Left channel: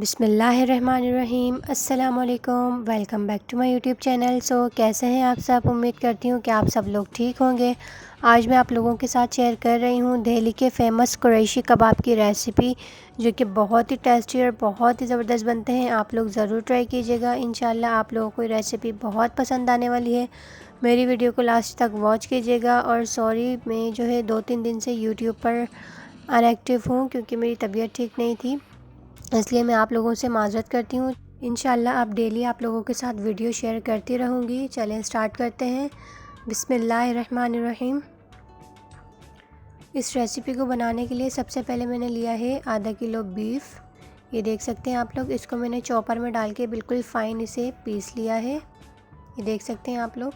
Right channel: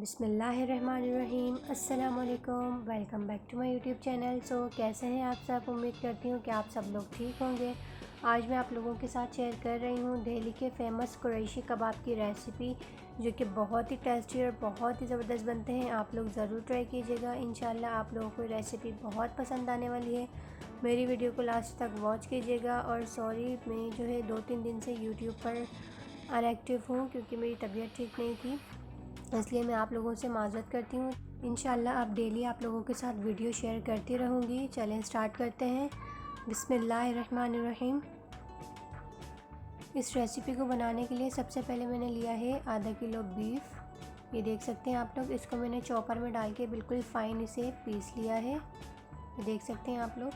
बिस्मिल्लाहिर्रहमानिर्रहीम। अस्सलामुअलैकुम। Welcome back to my YouTube channel. कैसे हैं आप सब? उम्मीद करती हूँ कि आप सब लोग ठीक होंगे। आज मैं आप लोगों के साथ शेयर कर रही हूँ दिल्ली के फ़ेमस कुरैशी कबाब की रेसिपी, जो कि बहुत ही टेस्टी और बहुत ही ज़बरदस्त बनते हैं। आप लोग ज़रूर ट्राई कीजिएगा। इंशाल्लाह आप लोगों को ये रेसिपी बहुत पसंद आने वाली है। मेरी वीडियो को लास्ट तक वॉच कीजिएगा। और सॉरी, मैं जो है 2-3 दिन से यूट्यूब पर अनएक्टिव हूँ क्योंकि मेरी तबीयत ठीक नहीं थी, इसलिए मैं आप लोगों से माज़रत करती हूँ। इंशाल्लाह अब डेली आप लोगों के साथ वीडियो शेयर करती रहूँगी। चलें स्टार्ट करते हैं। बिस्मिल्लाहिर्रहमानिर्रहीम। इस रेसिपी को बनाने के लिए सबसे पहले मैंने लिया है आधा किलो बीफ। ये देख सकते हैं आप लोग। इसको मैंने चॉपर में डाल के बिल्कुल फ़ाइन इसे पीस लिया है। ये देख सकते हैं आप लोग।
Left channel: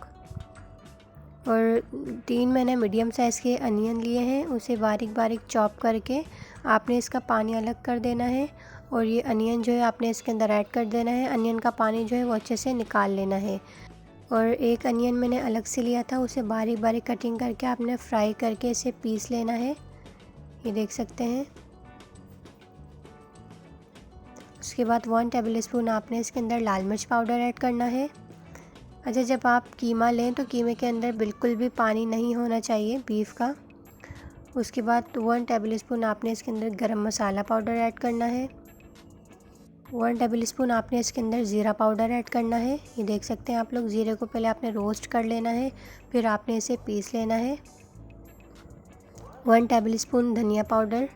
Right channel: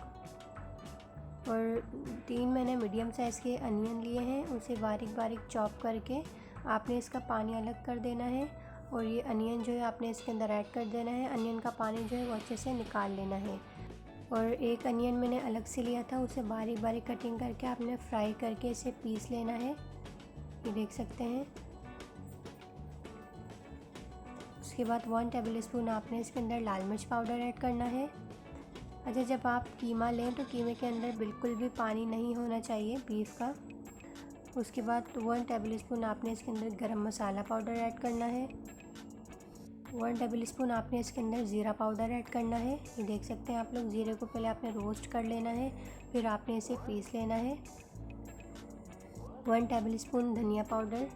और 3 मैंने मीडियम साइज़ के अनियन लिए हैं, उसे बारीक बारीक चॉप करके आपने इसका पानी अलग कर देना है। और ये अनियन जो है आपने इसके अंदर ऐड कर देना है। अनियन का पानी जो है वो अच्छे से निकाल लेना है। और एक अनियन मैंने अलग से लिया था, उसे बारीक बारीक कटिंग करके आपने फ्राई करके इसे पीस लेना है। ये देख सकते हैं। उसके बाद 1 टेबल स्पून आपने इसके अंदर लाल मिर्च पाउडर ऐड करना है। अच्छा, जब आप कीमा लें तो कीमे के अंदर बिल्कुल भी पानी नहीं होना चाहिए बीफ का। उसके बाद 1 टेबल स्पून आपने इसके अंदर गरम मसाला पाउडर ऐड करना है। 1 टेबल स्पून आपने इसके अंदर ज़ीरा पाउडर ऐड करना है। ये देख सकते हैं आप लोग। ज़ीरे को पहले आपने रोस्ट कर लेना है, फिर आपने इसे पीस लेना है। 1 टेबल स्पून धनिया पाउडर,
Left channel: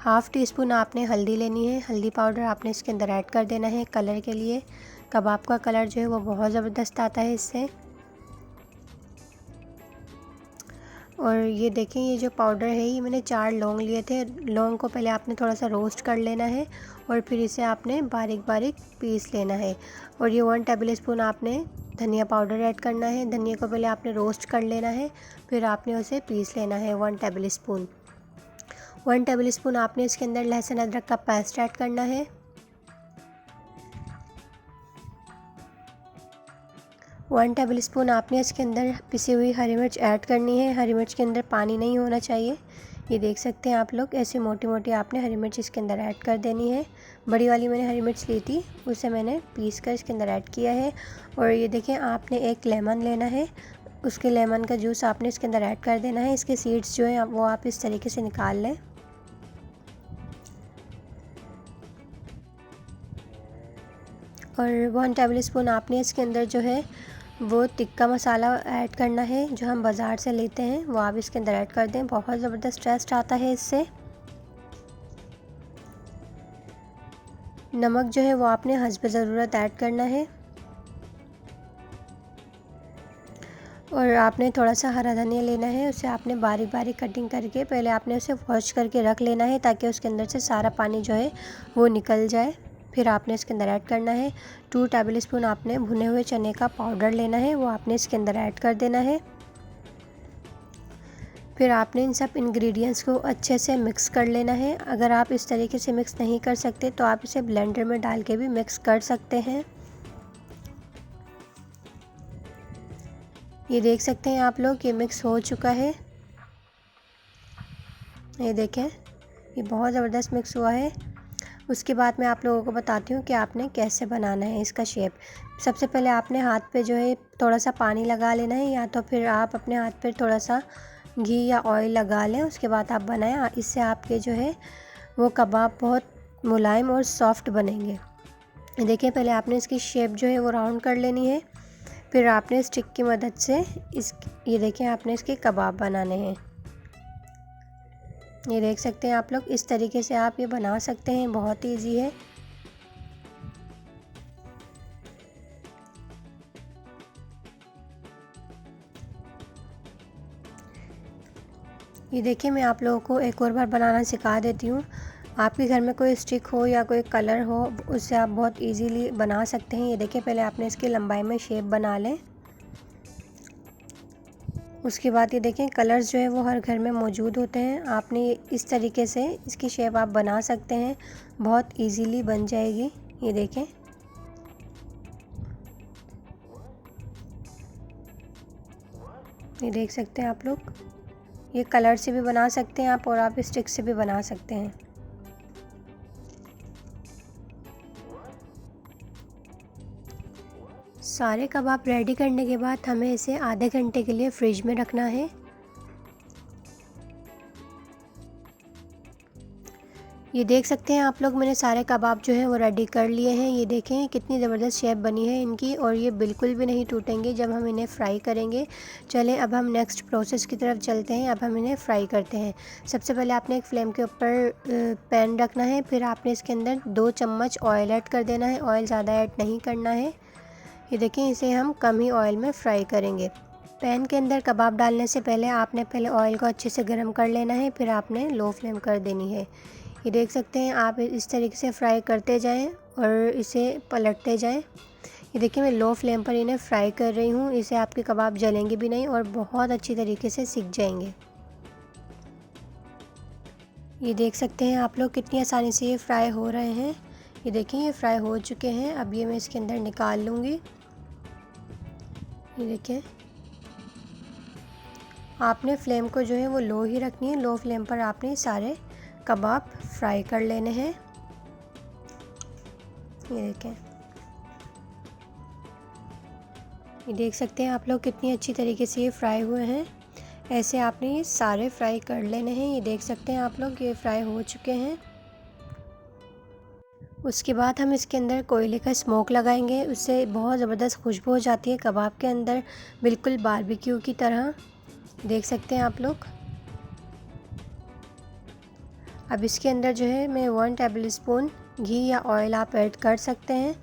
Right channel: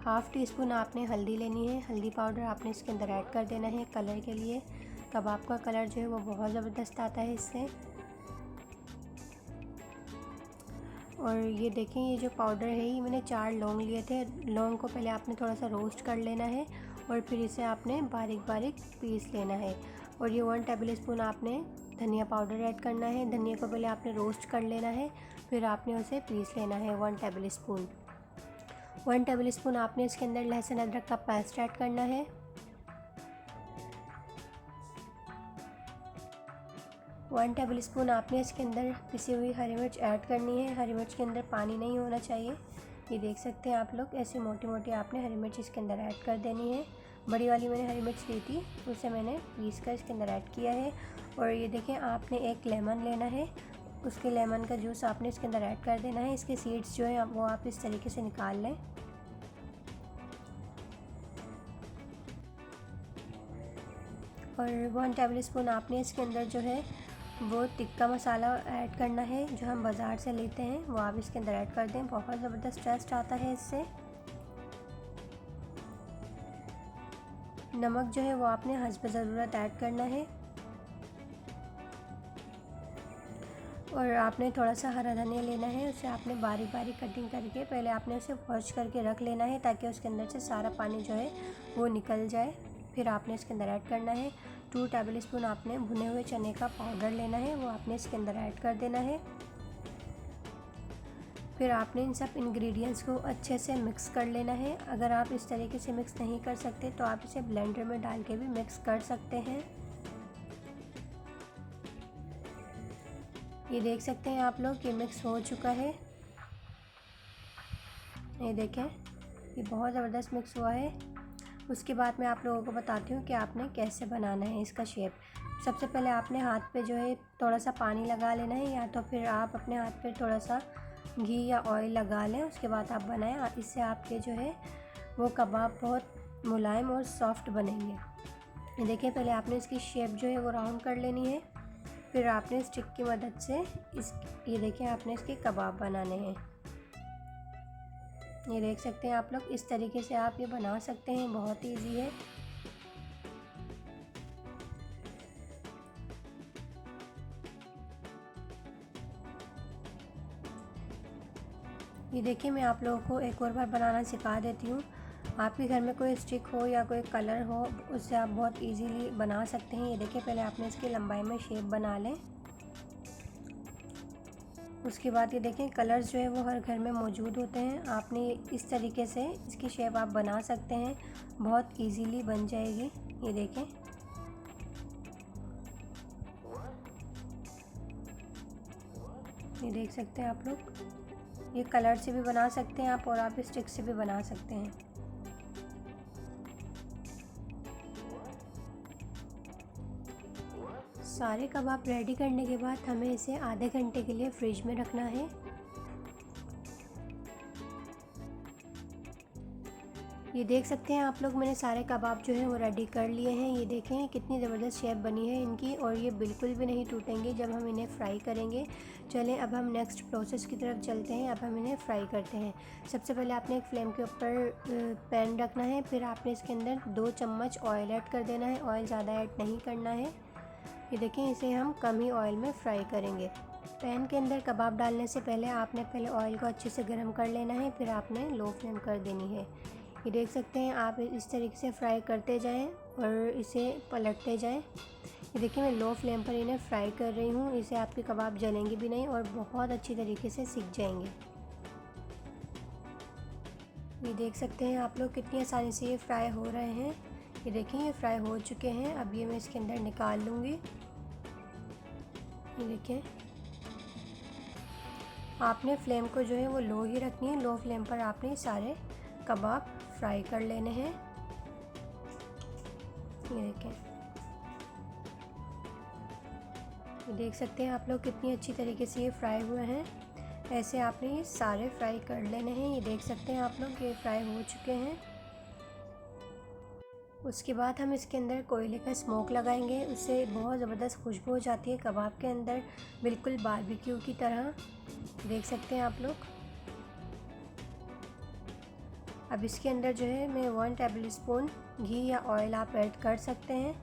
1/2 टी स्पून आपने हल्दी लेनी है। हल्दी पाउडर आपने इसके अंदर ऐड कर देना है कलर के लिए। कबाब का कलर जो है वो बहुत ज़बरदस्त आता है इससे। और ये देखें, ये जो पाउडर है ये मैंने 4 लौंग लिए थे। लौंग को पहले आपने थोड़ा सा रोस्ट कर लेना है और फिर इसे आपने बारीक बारीक पीस लेना है। और ये 1 टेबल स्पून आपने धनिया पाउडर ऐड करना है। धनिया को पहले आपने रोस्ट कर लेना है, फिर आपने उसे पीस लेना है 1 टेबल स्पून। 1 टेबल स्पून आपने इसके अंदर लहसुन अदरक का पेस्ट ऐड करना है। 1 टेबल स्पून आपने इसके अंदर पिसी हुई हरी मिर्च ऐड करनी है। हरी मिर्च के अंदर पानी नहीं होना चाहिए। ये देख सकते हैं आप लोग। ऐसे मोटी मोटी आपने हरी मिर्च इसके अंदर ऐड कर देनी है। बड़ी वाली मैंने हरी मिर्च ली थी, उसे मैंने पीस कर इसके अंदर ऐड किया है। और ये देखें, आपने एक लेमन लेना है, उसके लेमन का जूस आपने इसके अंदर ऐड कर देना है। इसके सीड्स जो हैं वो आप इस तरीके से निकाल लें। और 1 टेबल स्पून आपने इसके अंदर जो है वो टिक्का मसाला ऐड करना है, जो हम बाज़ार से लेते हैं, वो आप इसके अंदर ऐड कर दें। बहुत ज़बरदस्त टेस्ट आता है इससे। नमक जो है वो आपने हस्ब ज़रूरत ऐड करना है। और आपने थोड़ा सा हरा धनिया लेना है, उसे आपने बारीक बारीक कटिंग करके पहले आपने उसे वॉश करके रख लेना है, ताकि उसके अंदर से सारा पानी जो है वो निकल जाए। फिर आपने इसके अंदर ऐड करना है 2 टेबल स्पून आपने भुने हुए चने का पाउडर लेना है, वो आपने इसके अंदर ऐड कर देना है। फिर आपने इन सब इंग्रेडिएंट्स को अच्छे से मिक्स कर लेना है। अगर आप इस तरीके से मिक्स नहीं कर सकते तो आप इसे ब्लेंडर में डाल के भी मिक्स कर सकते हैं। ये देख सकते हैं आप लोग, ये मिक्स हो चुका है। ये देखें, ये बहुत ज़बरदस्त मिक्स हुआ है। उसके बाद मैं आप लोगों को बताती हूँ कि आपने कैसे बनाना है इसका शेप। सबसे पहले आपने हाथ पे जो है थोड़ा सा पानी लगा लेना है, या तो फिर आप अपने हाथ पे थोड़ा सा घी या ऑयल लगा लें। उसके बाद आप बनाएं। इससे आपके जो है वो कबाब बहुत मुलायम और सॉफ्ट बनेंगे। देखिए, पहले आपने इसकी शेप जो है वो राउंड कर लेनी है, फिर आपने स्टिक की मदद से ये देखिए, आपने इसके कबाब बनाने हैं। ये देख सकते हैं आप लोग। इस तरीके से आप ये बना सकते हैं, बहुत ईजी है। ये देखिए, मैं आप लोगों को एक और बार बनाना सिखा देती हूँ। आपके घर में कोई स्टिक हो या कोई कलर हो, उससे आप बहुत इजीली बना सकते हैं। ये देखिए, पहले आपने इसकी लंबाई में शेप बना लें। उसके बाद ये देखें, कलर्स जो है वो हर घर में मौजूद होते हैं। आपने इस तरीके से इसकी शेप आप बना सकते हैं, बहुत इजीली बन जाएगी। ये देखें, ये देख सकते हैं आप लोग। ये कलर से भी बना सकते हैं आप और आप स्टिक से भी बना सकते हैं। सारे कबाब रेडी करने के बाद हमें इसे आधे घंटे के लिए फ्रिज में रखना है। ये देख सकते हैं आप लोग, मैंने सारे कबाब जो है वो रेडी कर लिए हैं। ये देखें कितनी ज़बरदस्त शेप बनी है इनकी, और ये बिल्कुल भी नहीं टूटेंगे जब हम इन्हें फ्राई करेंगे। चलें अब हम नेक्स्ट प्रोसेस की तरफ चलते हैं। अब हम इन्हें फ्राई करते हैं। सबसे पहले आपने एक फ्लेम के ऊपर पैन रखना है, फिर आपने इसके अंदर 2 चम्मच ऑयल ऐड कर देना है। ऑयल ज़्यादा ऐड नहीं करना है। ये देखें, इसे हम कम ही ऑयल में फ्राई करेंगे। पैन के अंदर कबाब डालने से पहले आपने पहले ऑयल को अच्छे से गर्म कर लेना है, फिर आपने लो फ्लेम कर देनी है। ये देख सकते हैं आप इस तरीके से फ्राई करते जाएं और इसे पलटते जाएं। ये देखिए मैं लो फ्लेम पर इन्हें फ्राई कर रही हूँ। इससे आपके कबाब जलेंगे भी नहीं और बहुत अच्छी तरीके से सिक जाएंगे। ये देख सकते हैं आप लोग कितनी आसानी से ये फ्राई हो रहे हैं। ये देखिए ये फ्राई हो चुके हैं। अब ये मैं इसके अंदर निकाल लूँगी। ये देखिए, आपने फ्लेम को जो है वो लो ही रखनी है। लो फ्लेम पर आपने सारे कबाब फ्राई कर लेने हैं। ये देखें, ये देख सकते हैं आप लोग कितनी अच्छी तरीके से ये फ्राई हुए हैं। ऐसे आपने ये सारे फ्राई कर लेने हैं। ये देख सकते हैं आप लोग ये फ्राई हो चुके हैं। उसके बाद हम इसके अंदर कोयले का स्मोक लगाएंगे। उससे बहुत ज़बरदस्त खुशबू हो जाती है कबाब के अंदर, बिल्कुल बारबेक्यू की तरह। देख सकते हैं आप लोग। अब इसके अंदर जो है मैं 1 टेबल स्पून घी या ऑयल आप ऐड कर सकते हैं।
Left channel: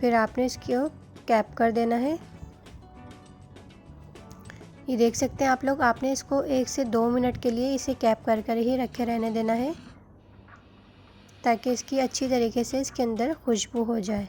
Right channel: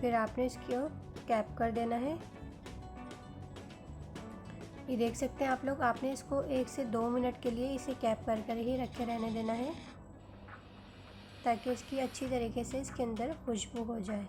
फिर आपने इसको कैप कर देना है। ये देख सकते हैं आप लोग, आपने इसको 1 से 2 मिनट के लिए इसे कैप कर कर ही रखे रहने देना है, ताकि इसकी अच्छी तरीके से इसके अंदर खुशबू हो जाए।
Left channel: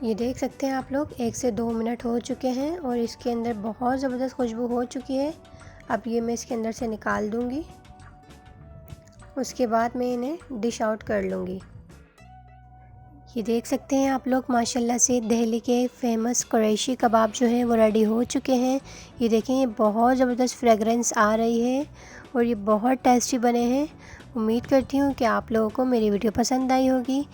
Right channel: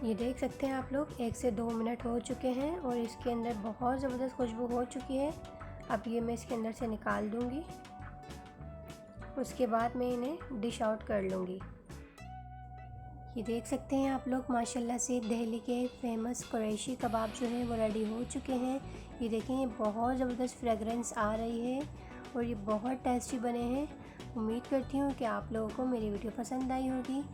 ये देख सकते हैं आप लोग 1 से 2 मिनट हो चुके हैं और इसके अंदर बहुत ज़बरदस्त खुशबू हो चुकी है। अब ये मैं इसके अंदर से निकाल दूंगी। उसके बाद मैं इन्हें डिश आउट कर लूँगी। ये देख सकते हैं आप लोग, माशाल्लाह से दिल्ली के फेमस कुरैशी कबाब जो है वो रेडी हो चुके हैं। ये देखें, ये बहुत ज़बरदस्त फ्रेगरेंस आ रही है और ये बहुत टेस्टी बने हैं। उम्मीद करती हूँ कि आप लोगों को मेरी वीडियो पसंद आई होगी।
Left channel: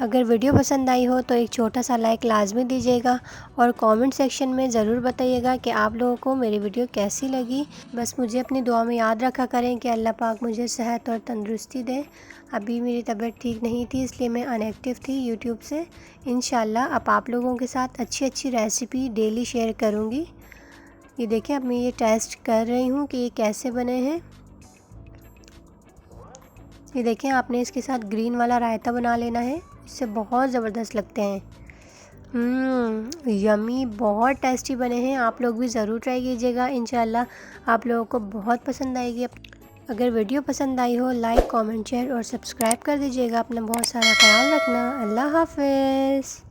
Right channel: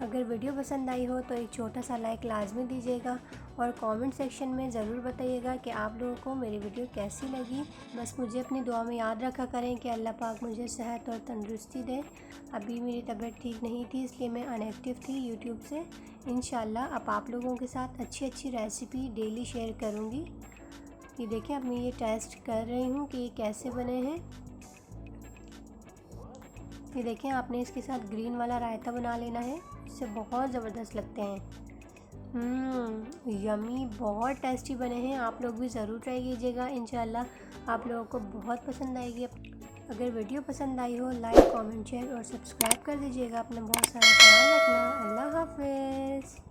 अगर वीडियो पसंद आई हो तो एक छोटा सा लाइक लाजमी दीजिएगा और कमेंट सेक्शन में ज़रूर बताइएगा कि आप लोगों को मेरी वीडियो कैसी लगी। बस मुझे अपनी दुआ में याद रखा करें कि अल्लाह पाक मुझे सेहत और तंदुरुस्ती दे। अभी मेरी तबीयत ठीक नहीं थी, इसलिए मैं अनएक्टिव थी यूट्यूब से। इंशाल्लाह अब आप लोगों के साथ अच्छी अच्छी रेसिपी डेली शेयर करूँगी। ये देखें, अब मैं ये टेस्ट कर रही हूँ कि ये कैसे बने हैं। ये देखें, आपने इसके साथ ग्रीन वाला रायता बना लेना है, इससे बहुत ज़बरदस्त लगते हैं। यमी, बहुत टेस्टी बने हैं। आप लोग भी ज़रूर ट्राई कीजिएगा, इंशाल्लाह आप लोगों को बहुत पसंद आएगी। अगर वीडियो पसंद आई हो लाइक कमेंट शेयर और सब्सक्राइब कर दीजिएगा। अपना बहुत सारा ख्याल रखना। अल्लाह हाफ़िज़।